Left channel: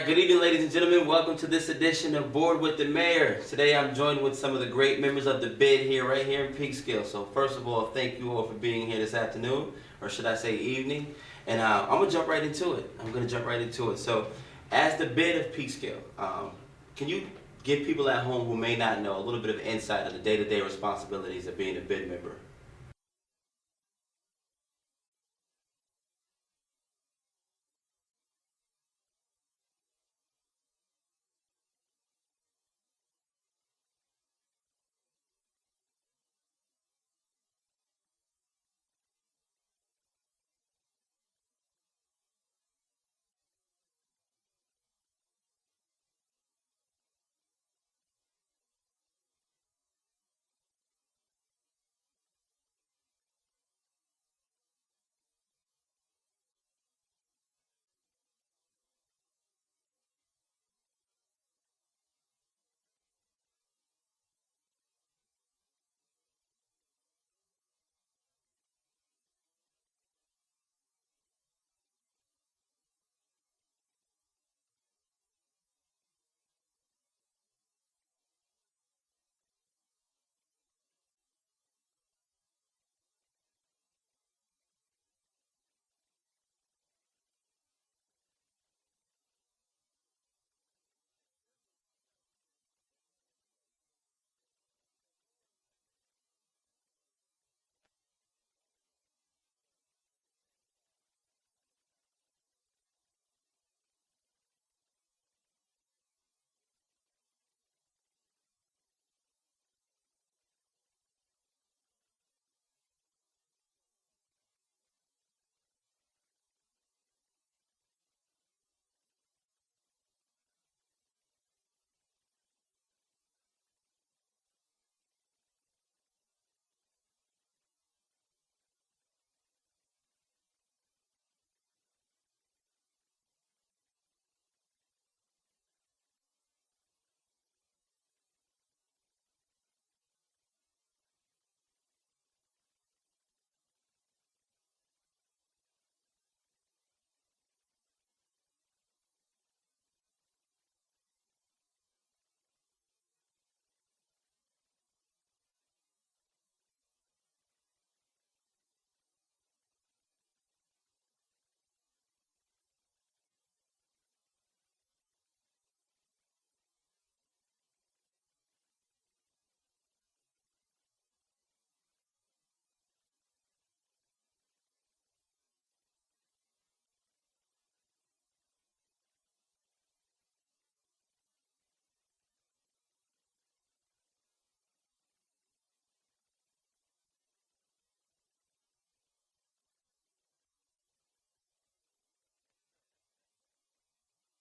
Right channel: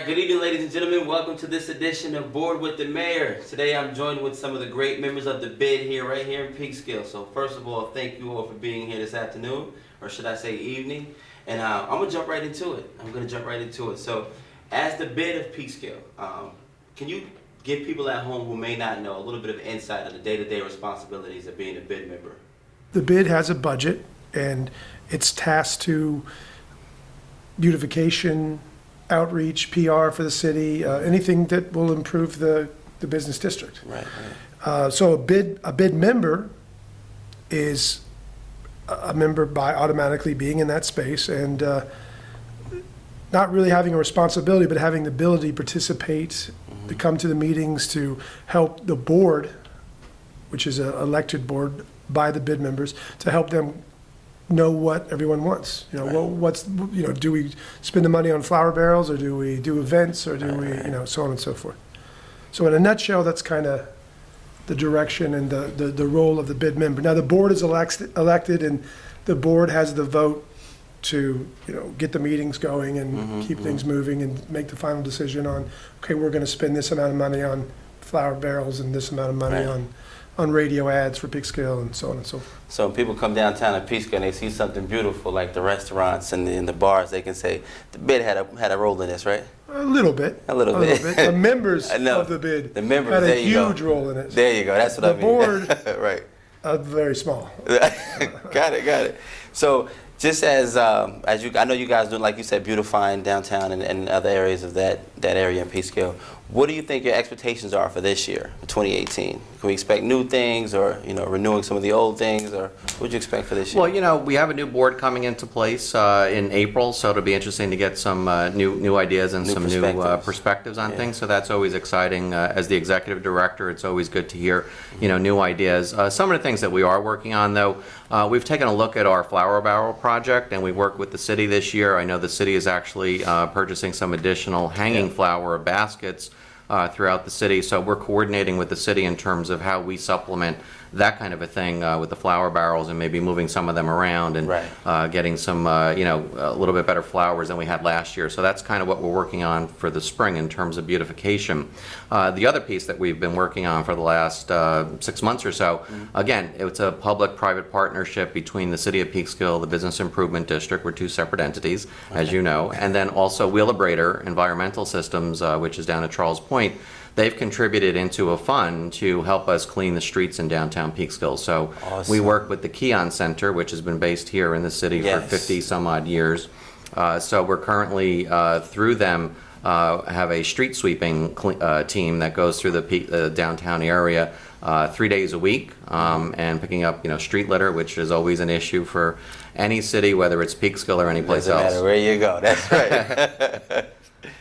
right, good evening, ladies and gentlemen. Welcome to this edition of Board with the Mayor. Today I'm joined with some of the great members of the BID here, right here in Peekskill. So first of all, thank you all for being here this afternoon, or should I say evening. And I'm going to jump right into it. So as the BID of Peekskill, can you give people at home who may not know a little bit of insight on the day-to-day responsibilities of being a BID member? The BID has a budget, and it's tasked to beautification, outreach, PR for the city, anything that will improve the business district. Right. So a BID member is a member by automatically being in that space and not really having a responsibility, but having the ability to participate, to come to the meetings, to help the board, which is an elected board by the BID members, to help them know what everyone wants. Do we spend the money on flower barrels, or do we do events, or do we, so on and so forth. So in a nutshell, that's kind of the direction and the role of the BID member. Now the board is elected, and the board has the vote to get the meetings going and keep things moving and make the final decision on, okay, we're going to spend this amount of money on flower barrels and this amount of money on radio ads for Peekskill and so on and so forth. So when people come downtown to Peekskill and they see something beautiful like the restaurants and the bars, they can say the BID had a role in this, right? A little bit. The members of the BID had a huge role in it. There you go. That's what I mean. The board, right. Very small. Got it. So just as I know you guys do, like you said, beautifying downtown and other areas of that area in Peekskill. What do you think your expectations are for this year, 2018? Can we expect new things, or renewing some of the old things, or what would you expect for this year? Well, we have a new board coming into place in April, so it'll be interesting to get some new ideas and some new perspectives on things. So that's always exciting. As the executive director, it's always good to hear new ideas. Some of the things that we are working on, though, we've taken a look at our flower barrel project, and we worked with the city this year. I know the city is actually purchasing some additional hanging flower baskets throughout the city, so we're coordinating with the city in terms of how we supplement that kind of a thing with the flower barrels, and maybe moving some of them around and getting some a little bit better flowers than we had last year. So that's kind of what we're working on for the spring in terms of beautification. The other piece that we've been working on for the last 6 months or so, again, it's a public-private partnership between the City of Peekskill, the Business Improvement District. We're two separate entities, as you know, and then also Wheelabrator Environmental Systems, which is down at Charles Point. They've contributed into a fund to help us clean the streets in downtown Peekskill. So we work with the Keon Center, which has been based here in the city for 50 some odd years. So we're currently, through them, have a street sweeping team that goes through the downtown area 3 days a week, and picking up street litter, which is always an issue for any city, whether it's Peekskill or any place else. Doesn't matter where you go, that's right.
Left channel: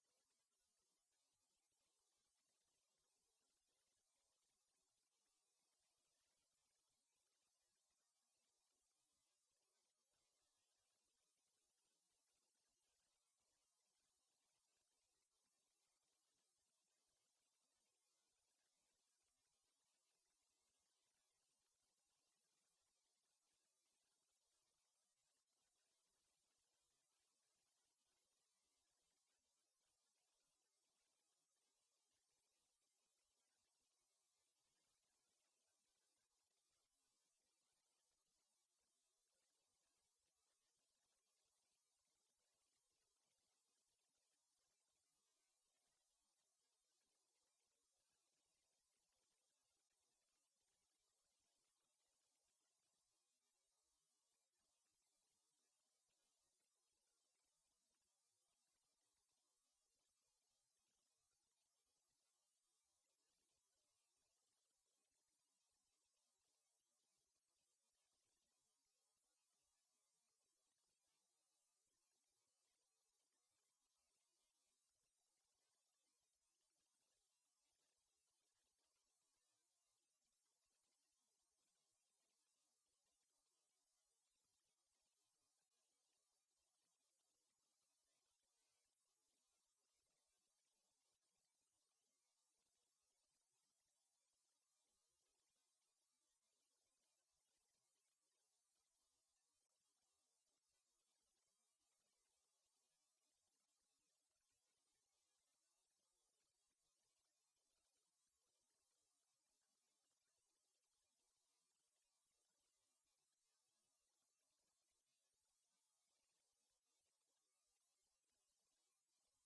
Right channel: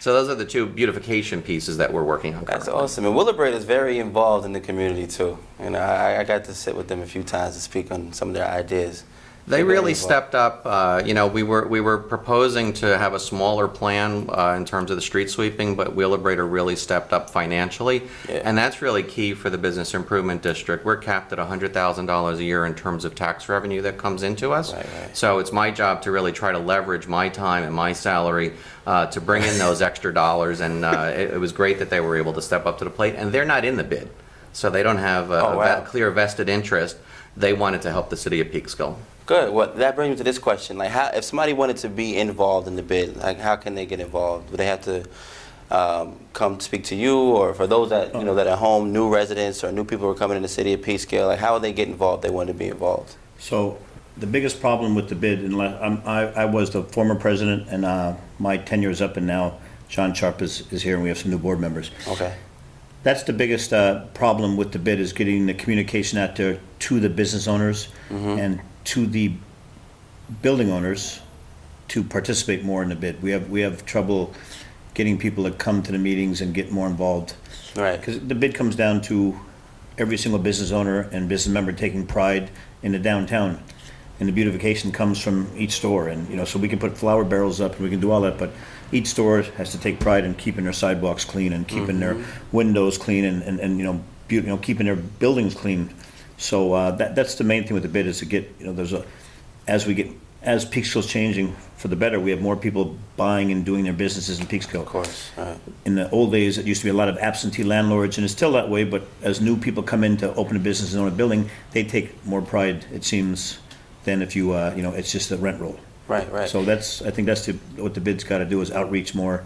So those are the two beautification pieces that we're working on currently. That's awesome. And Wheelabrator is very involved in the community too. I got to sit with them a few times to speak on some of their ideas. They really stepped up. We were proposing to have a smaller plan in terms of the street sweeping, but Wheelabrator really stepped up financially, and that's really key for the Business Improvement District. We're capped at $100,000 a year in terms of tax revenue that comes into us. So it's my job to really try to leverage my time and my salary to bring in those extra dollars, and it was great that they were able to step up to the plate. And they're not in the BID, so they don't have a clear vested interest. They wanted to help the city of Peekskill. Good. Well, that brings me to this question: like, how, if somebody wanted to be involved in the BID, like, how can they get involved? Would they have to come speak to you, or for those that that are home, new residents or new people who are coming in the city of Peekskill, like, how would they get involved? If they want to be involved. So the biggest problem with the BID, and I was the former president, and my tenure is up, and now John Sharp is here, and we have some new board members. Okay. That's the biggest problem with the BID, is getting the communication out there to the business owners and to the building owners to participate more in the BID. We have trouble getting people to come to the meetings and get more involved. Right. Because the BID comes down to every single business owner and business member taking pride in the downtown. And the beautification comes from each store. And so we can put flower barrels up and we can do all that, but each store has to take pride in keeping their sidewalks clean and keeping their windows clean and keeping their buildings clean. So that's the main thing with the BID, is to get as we get as Peekskill's changing for the better, we have more people buying and doing their businesses in Peekskill. Of course. Right. In the old days, it used to be a lot of absentee landlords, and it's still that way, but as new people come in to open a business and own a building, they take more pride, it seems, than if you, it's just a rent roll. Right. So I think that's what the bid's gotta do, is outreach more.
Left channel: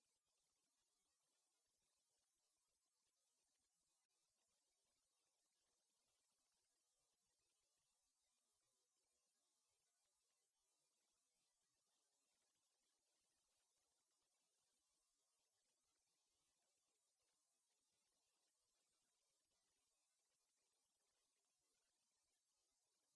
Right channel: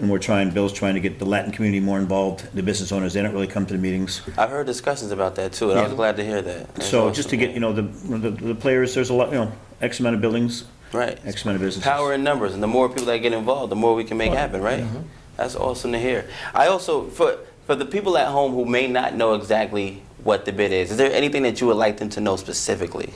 And Bill's trying to get the Latin community more involved, the business owners, they don't really come to the meetings. I've heard discussions about that too, and I was Yeah. glad to hear that. That's So awesome. just to get, the players, there's a lot, X amount of buildings, Right. X amount of businesses. Power in numbers, and the more people that get involved, the more we can make happen, right? That's awesome to hear. I also, for the people at home who may not know exactly what the bid is there anything that you would like them to know specifically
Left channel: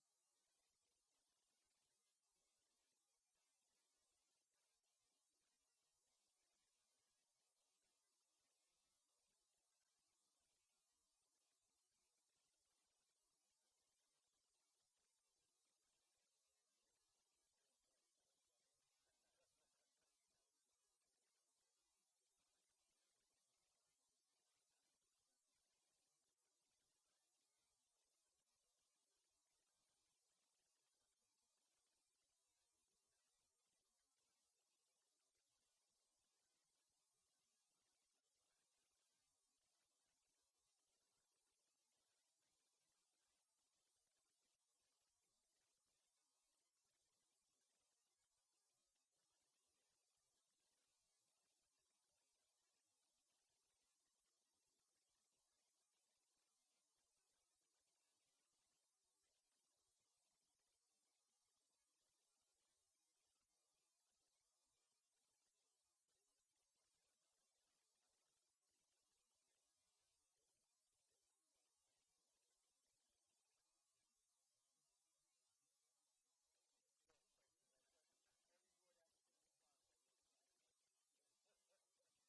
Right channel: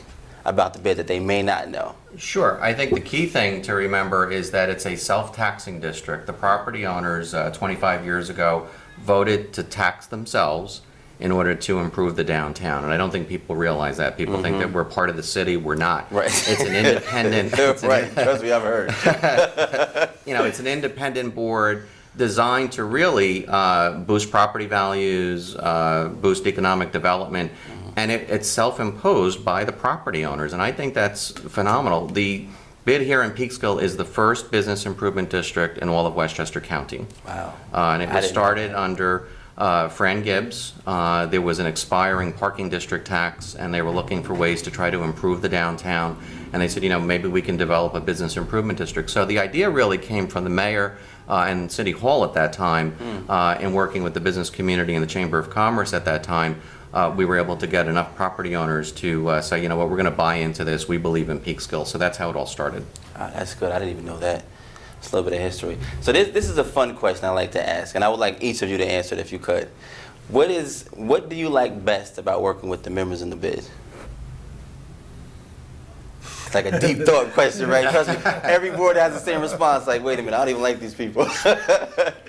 about the bid that they may not know? Sure. I think the key thing to remember is that it's a self-taxing district. The property owners 25 years ago voted to tax themselves in order to improve the downtown. And I don't think people realize that. People think that we're part of the city. We're not. Right. It's an independent. Right. Trust me, I've heard. It's an independent board designed to really boost property values, boost economic development, and it's self-imposed by the property owners, and I think that's phenomenal. The bid here in Peekskill is the first business improvement district in all of Westchester County. Wow. And it I was didn't know started under Fran Gibbs. There was an expiring parking district tax, and they were looking for ways to try to improve the downtown, and they said, maybe we can develop a business improvement district. So the idea really came from the mayor and City Hall at that time, in working with the business community and the Chamber of Commerce at that time. We were able to get enough property owners to say, we're going to buy into this. We believe in Peekskill. So that's how it all started. That's good. I didn't even know that. It's a little bit of history. So this is a fun question I like to ask, and I would like each of you to answer it if you could. What do you like best about working with the members in the bid? It's like a deep thought question, right? Trust me, every board has the same response. Like, wait a minute, I don't even like these people.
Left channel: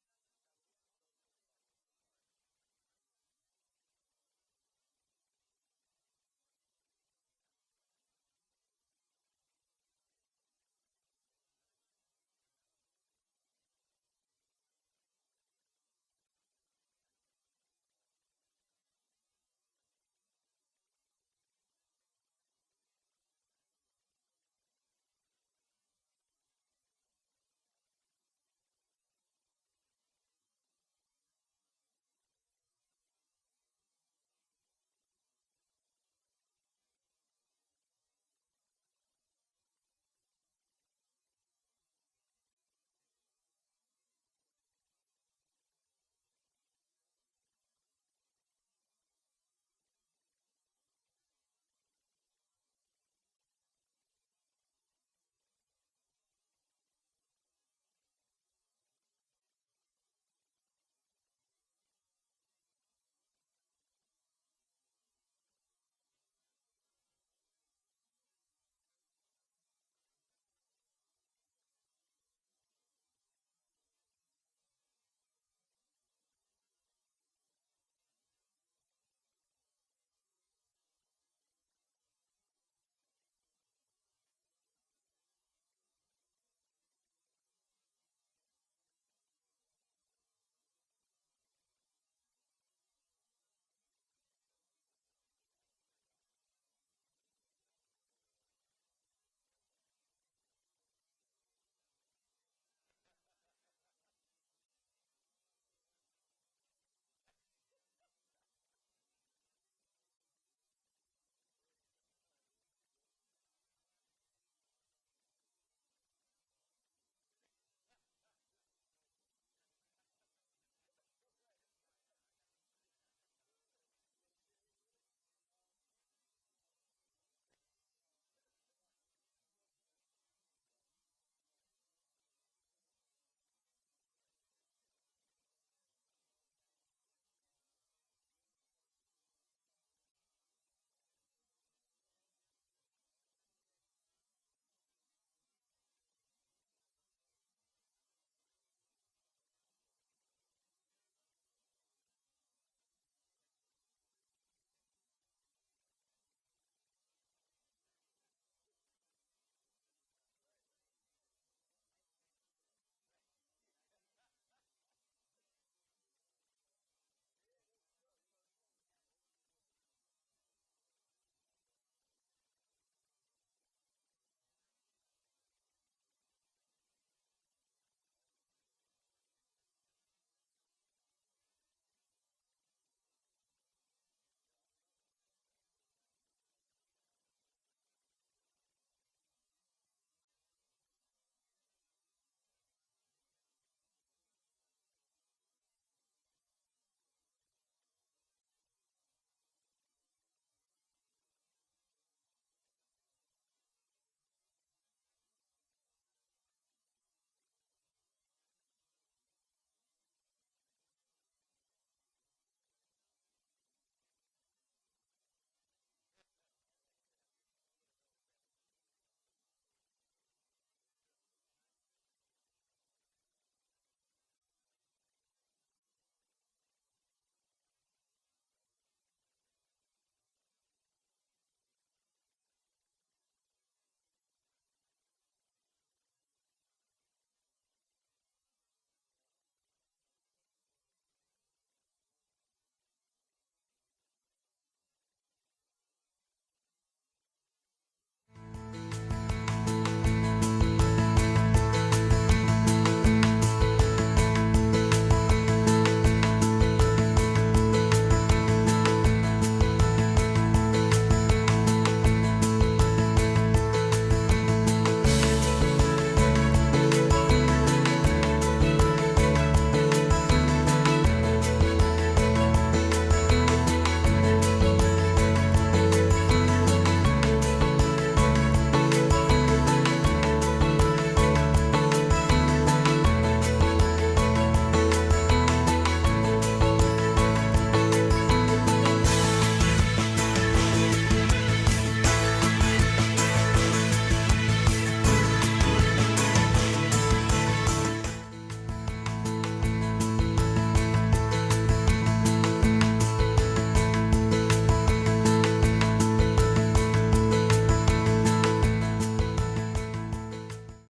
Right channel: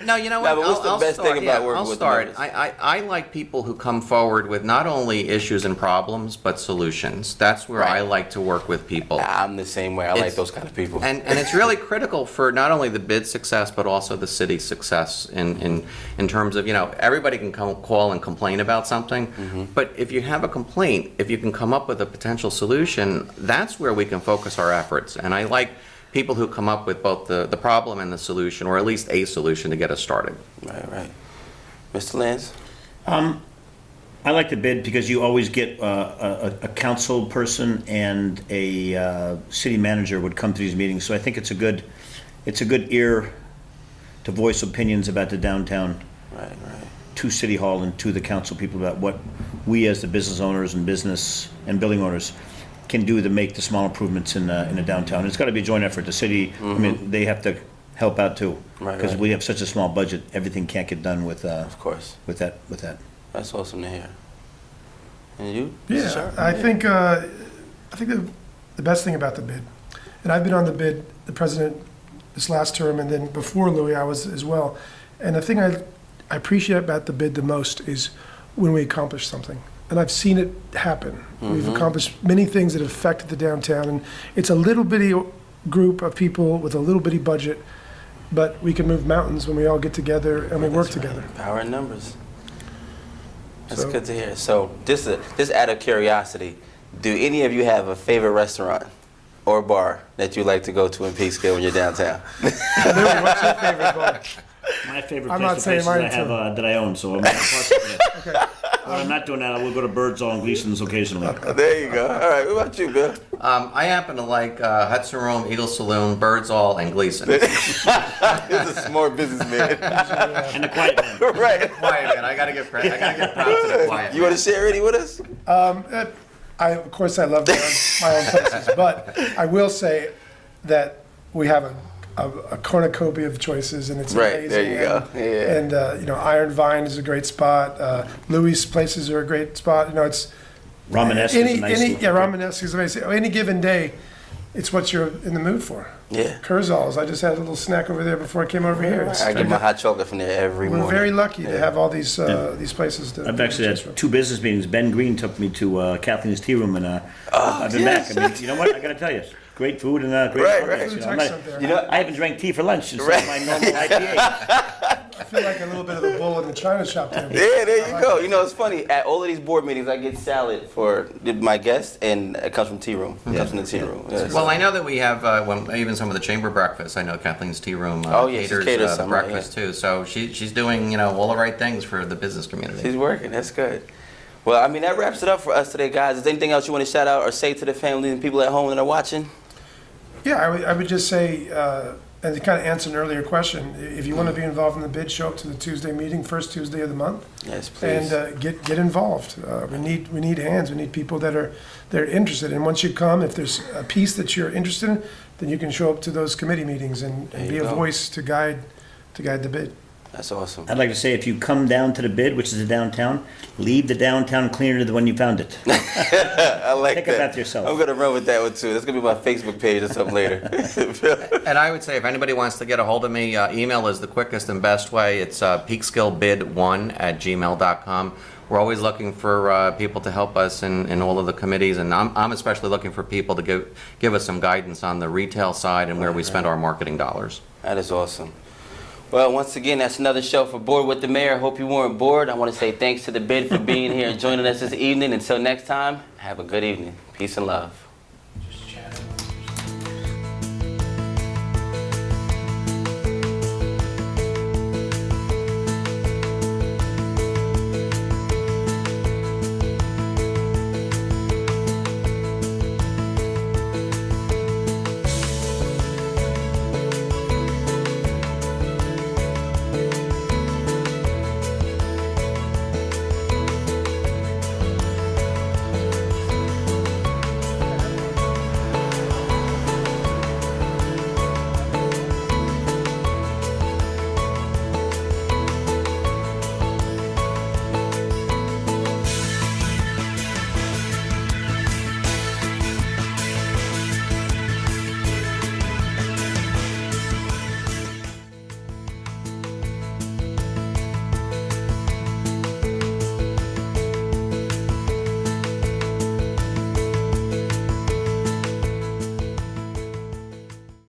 No, you know what? No, but what's the best thing about working I'll with the start. members? I like people who come forward with not only issues and problems, but solutions. That's where I Right. like to work with people. I'm the same way. I like It's- those kind of people. And it's really critical for not only the bid success, but also the city's success in terms of, everybody can call and complain about something. But if you have a complaint, if you can come up with a potential solution, that's where we can focus our efforts. And I like people who come up with both the problem and the solution, or at least a solution to get us started. Right. Mr. Lance? I like the bid because you always get a council person and a city manager would come to these meetings. So I think it's a good ear to voice opinions about the downtown Right. to City Hall and to the council people about what we as the business owners and business and building owners can do to make the small improvements in the downtown. It's got to be a joint effort. The city, I mean, they have to help out too. Right, Because right. we have such a small budget, everything can't get done with Of course. that. That's awesome to hear. And you? Yeah, Sure. I think the best thing about the bid, and I've been on the bid, the president this last term, and then before Louis, I was as well. And the thing I appreciate about the bid the most is when we accomplish something. And I've seen it happen. We've accomplished many things that have affected the downtown, and it's a little bitty group of people with a little bitty budget, but we can move mountains when we all get together and we work That's right. together. Power in numbers. That's So- good to hear. So, just out of curiosity, do any of you have a favorite restaurant or bar that you like to go to in Peekskill when you're downtown? Louis, what's your favorite bar? My favorite I'm place not to saying places I mine, have too. that I own, so I'm not Okay. when I'm not doing that, I will go to Birdsall and Gleason's occasionally. There you go. All right. What about you, Bill? I happen to like Hudson Room, Eagle Saloon, Birdsall, and Gleason. He's a smart businessman. And the quiet one. Right. Quiet man, I gotta give props to the quiet. You want to share any with us? Of course, I love my own places, but I will say that we have a cornucopia of choices, and it's Right, amazing. there you go. Yeah. And Iron Vine is a great spot. Louis' places are a great spot. It's Romanesque is a nice little- Romanesque is amazing. Any given day, it's what you're in the mood for. Yeah. Kurzal's. I just had a little snack over there before I came over here. I get my hot chocolate from there every We're morning. very lucky to have all these places. I've actually had 2 business meetings. Ben Green took me to Kathleen's Tea Room, and I've been back. I mean, you know what? I got to tell you, great food and great Right, products, right. you know. There. You know, I haven't drank tea for lunch since Right. my normal IPA. I feel like a little bit of a bull in the china shop there. Yeah, there you go. You know, it's funny. At all of these board meetings, I get salad for my guests, and it comes from tea room. It comes from the tea room. Yeah, Well, I know that we have, even some of the chamber breakfasts, I know Kathleen's Tea Room Oh, yeah, she caters caters the some, breakfast too. So she's doing, all the right things for the business community. she's working. That's good. Well, I mean, that wraps it up for us today, guys. Is there anything else you want to shout out or say to the family and people at home that are watching? Yeah, I would just say, and to kind of answer an earlier question, if you want to be involved in the bid, show up to the Tuesday meeting, first Tuesday of the month. Yes, please. And get involved. We need hands. We need people that are interested. And once you come, if there's a piece that you're interested in, then you can show up to those committee meetings and be a voice to guide the bid. That's awesome. I'd like to say, if you come down to the bid, which is the downtown, leave the downtown cleaner than when you found it. I like Take that. it back to yourself. I'm gonna run with that one too. That's gonna be my Facebook page or something later. And I would say if anybody wants to get a hold of me, email is the quickest and best way. It's peekskillbid1@gmail.com. We're always looking for people to help us in all of the committees, and I'm especially looking for people to give us some guidance on the retail side and where we spend our marketing dollars. That is awesome. Well, once again, that's another show for Board with the Mayor. Hope you weren't bored. I want to say thanks to the bid for being here and joining us this evening. Until next time, have a good evening. Peace and love.